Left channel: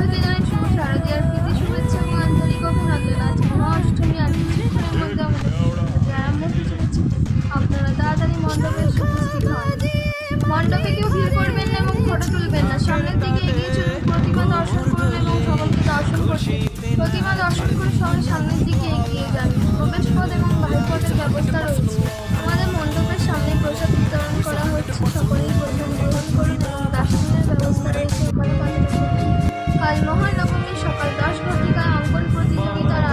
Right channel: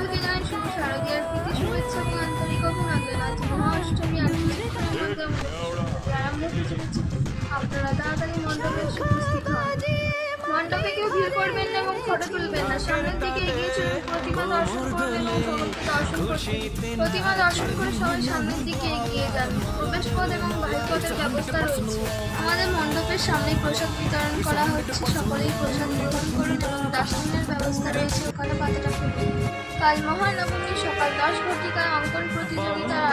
সকলকে জানাই শুভ শারদীয়ার প্রীতি শুভেচ্ছা এবং আন্তরিক অভিনন্দন। আজ মহা অষ্টমী আর কিছুক্ষণের মধ্যে আমাদের আরম্ভ হতে চলেছে। আপনারা তাড়াতাড়ি মণ্ডপে এসে উপস্থিত হন। মণ্ডপে কেউ ভিড় করবেন না এবং ফটো তুলবেন না। সামনের দিকে এগিয়ে চলুন, প্রতিমা দর্শন করুন এবং সকলকে দর্শন করুন। প্রতিমা দর্শন করে সবাই সামনের দিকে এগিয়ে যান। প্রবেশ পথ এবং বাহির পথের ব্যবস্থা রয়েছে। আমাদের মণ্ডপের সামনে প্রসাদ বিতরণ করা হচ্ছে। সকলেই প্রসাদ গ্রহণ করুন এবং দর্শনের ব্যবস্থা রয়েছে ওখানে পাতলা খেতে। কাল মহানবমী সকাল 10 ঘটিকায় অঙ্কন প্রতিযোগিতার